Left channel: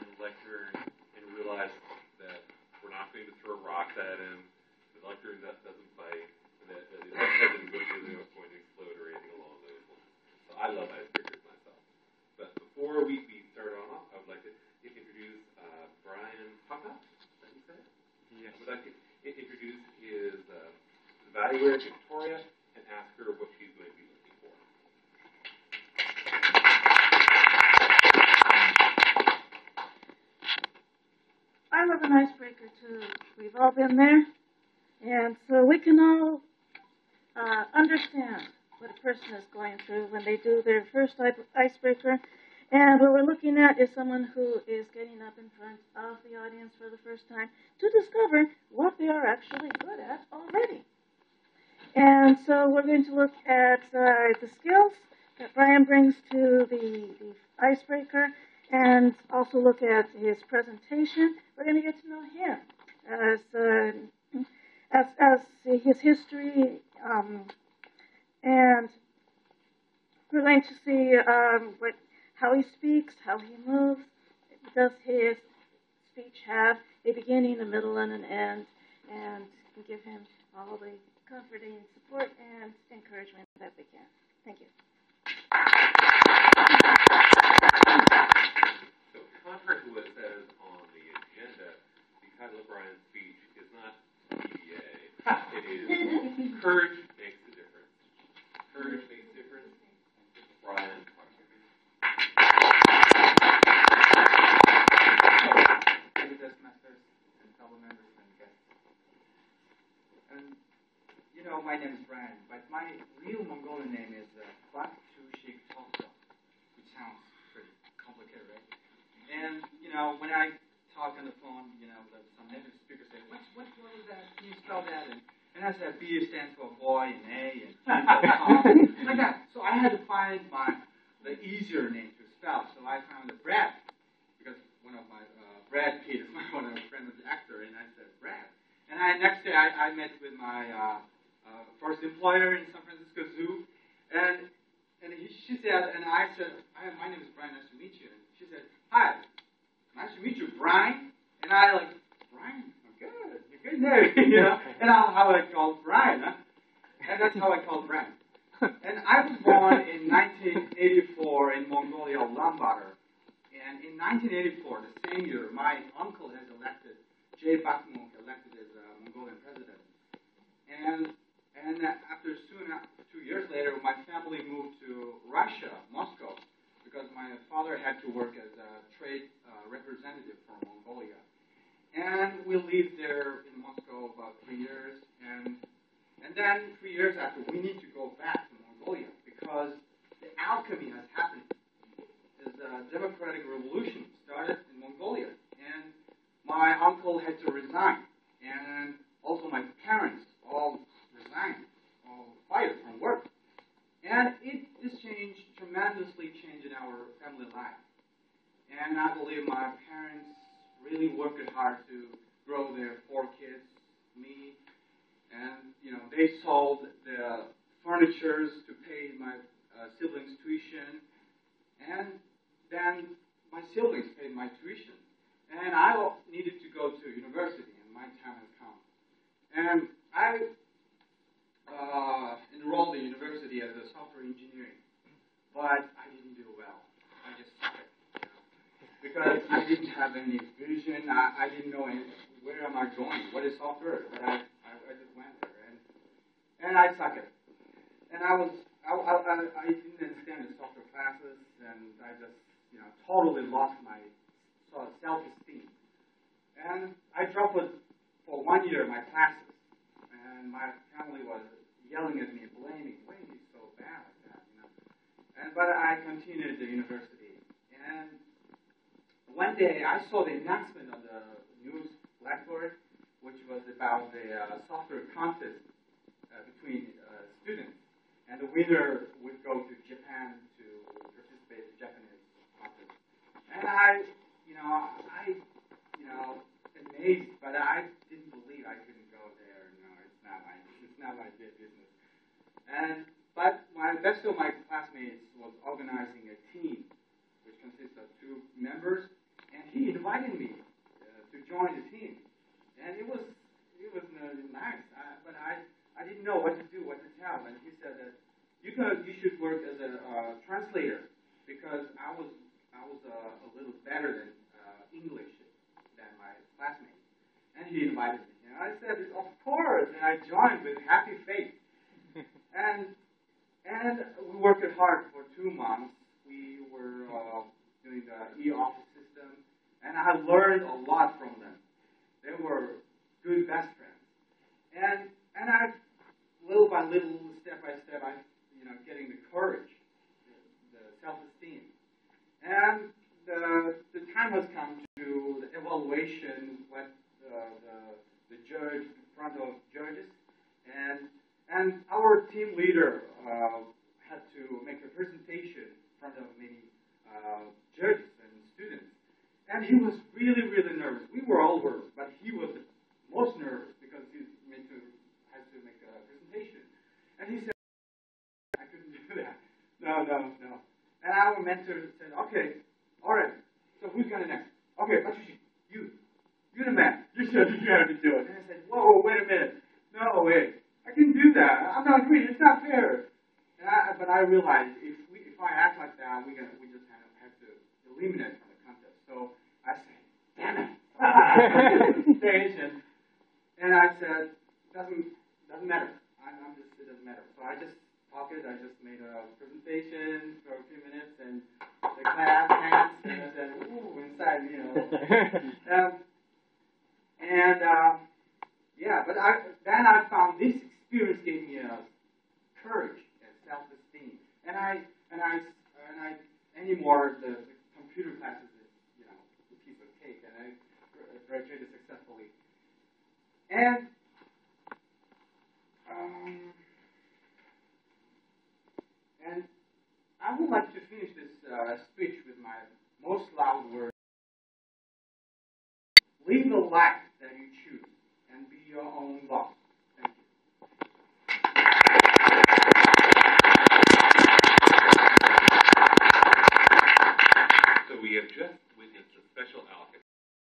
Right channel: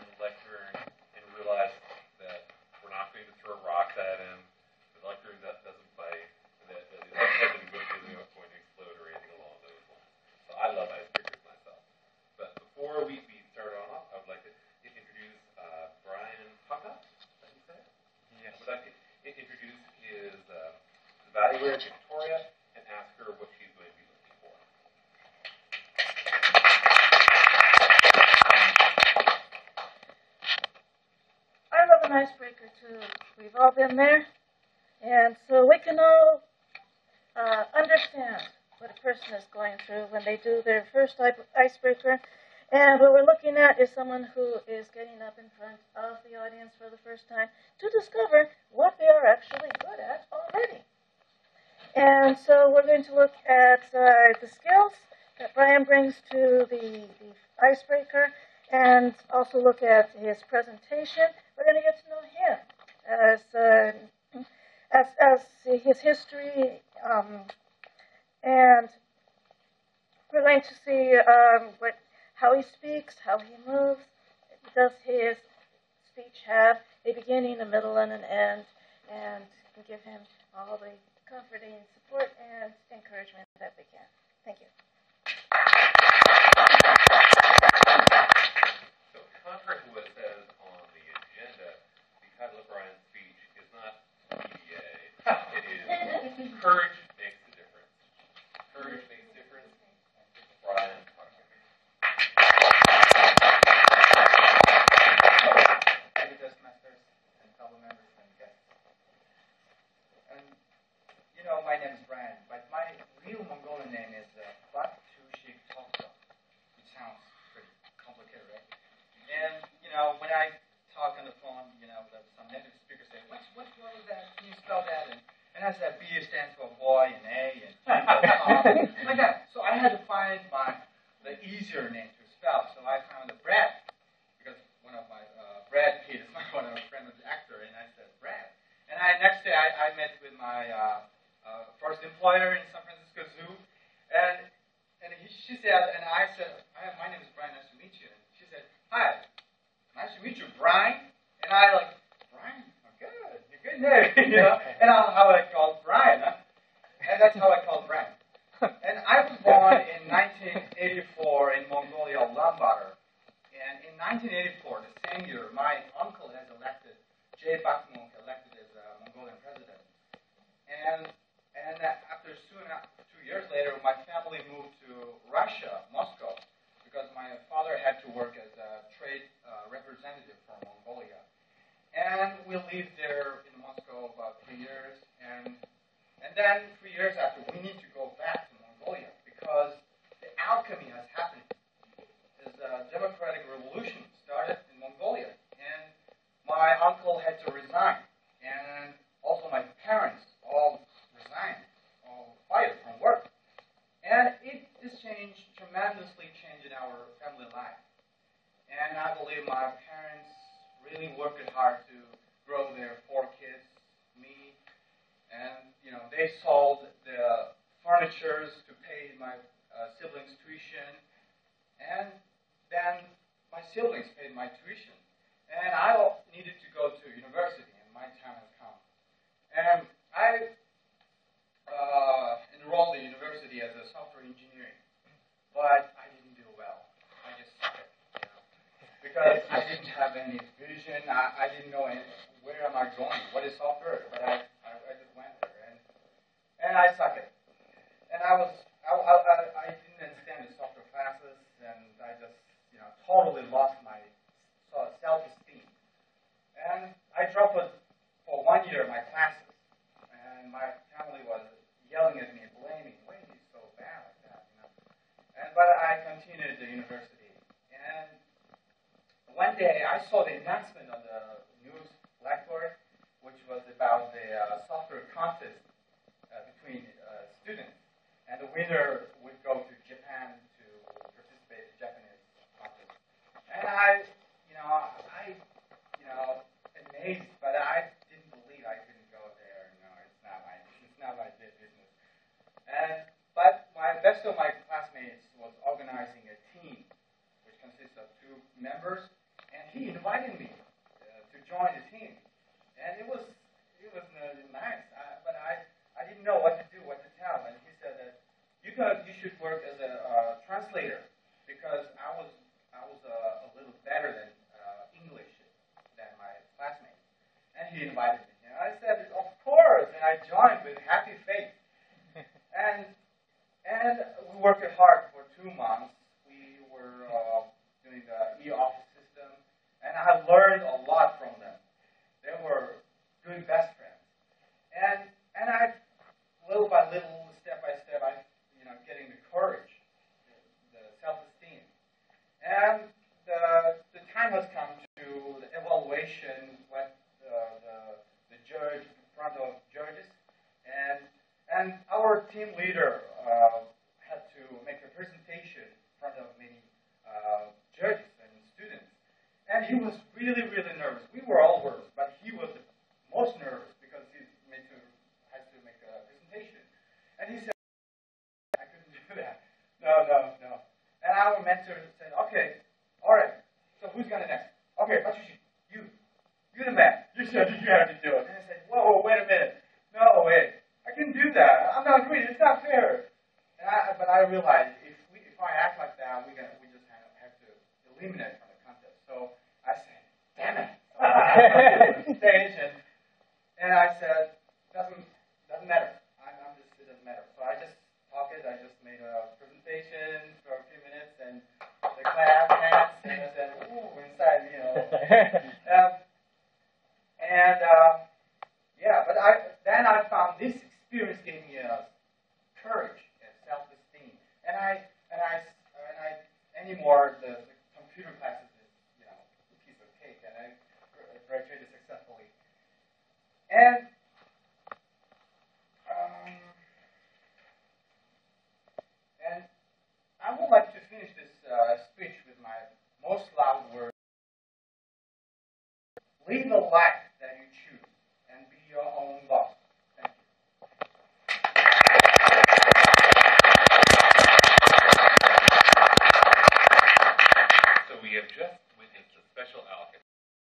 behind the lectern and realize that we're not going to throw rocks at him. The lectern doesn't bite. That his head isn't going to explode or anything along those lines. So I love icebreakers myself. But before we start on off, I would like to introduce Brian Papa. Is that how you say it? Yes. I would like to introduce his evaluator, Victoria, and ask her what she's going to be looking for. I love an icebreaker too. We've all been there. And so we can all understand what a person is going through when they do their first icebreaker. And what we're looking at is someone who is getting up in front of the audience for the first time to discover what they are actually good at already. And so we're going to look at the skills that Brian brings to the icebreaker and also look at his presentation. We're going to get to know him as his history, and we're going to see how he speaks, how he moves. Does his speech have a beginning, a middle, and an end? And give him all the comforting support and encouragement that we can. Thank you. So, contrary to what it says on the agenda, the title of Brian's speech is not PDA. It is Courage Makes a Difference. Courage Makes a Difference. Brian. Masters and fellow members and guests. And you know, my name is Brian, but my real Mongolian name is Battushig, which sounds pretty complicated, right? And you know, when I talk on the phone, you know, some native speakers say, "What is that? Can you spell that?" And I said, B stands for boy, and A, and T for Tom, like that. So I had to find the easier name to spell. So I found Brad, because one of my Brad Pitt is one of my friends of the actor, and I said Brad. And next day I met with my first employer in San Francisco Zoo, and she said, and I said, my name is Brian. Nice to meet you. And she said, hi, nice to meet you, Brian. And I like, Brian, oh, good, you're good name, you know. And how I called Brian, huh? And that's how I called Brian. And I was born in 1984 in Mongolia, Ulaanbaatar. And in 1984, the same year, my uncle has elected, Jay Bakhmuk, elected as Mongolian president. And after 2 years later, my family moved to Russia, Moscow, because my father had to work as a trade representative for Mongolia. And we lived there in Moscow about 3 years. And then 3 years after, we need to go back to Mongolia because the alchemy has happened. The democratic revolution started in Mongolia, and my uncle had to resign, and also my parents all resigned, all fired from work, and this tremendously changed in our family life. And I believe my parents really worked hard to grow their 4 kids, me, and you know they sold the furnitures to pay my siblings' tuition, and then my siblings paid my tuition. And I needed to go to university, and my time has come. And I enrolled in university as a software engineering, but I didn't do well. I just sucked, you know, because I didn't have any vision. I didn't know where am I going, what is software, but I just went there, and I sucked it. And I didn't understand the software classes, and I just totally lost my self-esteem. And I dropped for 1 year my classes. And my family was yelling at me, blaming, why are you so bad like that, you know? But I continued the university. And one day I saw the announcement on the news blackboard, which was about the software contest between students. And the winner would go to Japan to participate in Japanese contest. And I amazed, but I didn't believe I couldn't go there. No, it's not my business. But my best of my classmates was organizing a team, which consists of 2 members, and he he invited me. And I said, of course, and I joined with happy faith. And we worked hard for 2 months. We were doing the e-office system, and I learned a lot from them. They were good best friends. And I, little by little, step by step, I, getting the courage, the self-esteem. And the time has come to the evaluation with the judge in front of judges, and our team leader had to make a presentation in front of many judges and students, and he was really, really nervous. We were all nervous, but he was the most nervous because he has to make a presentation, and he said, "I couldn't do that. No." And our mentor said, "Okay, all right. So who's gonna next? Okay, Battushig, you're the man. You have to do it." And I said, "Whoa, wait a minute. No, wait. I can do that. I'm not greedy. It's not fair." But I realized if I act like that, we just have to eliminate from the contest. So I said, "Damn it!" So I went to the stage and I said, "Doesn't matter. It doesn't matter." So I just talked it. I just made a presentation for a few minutes and the clap hands and I said, "Ooh," inside, but then I found this experience gave me courage and self-esteem, and I anymore the computer classes is a piece of cake, and I graduated successfully, and I would like to finish this speech with my most loud words.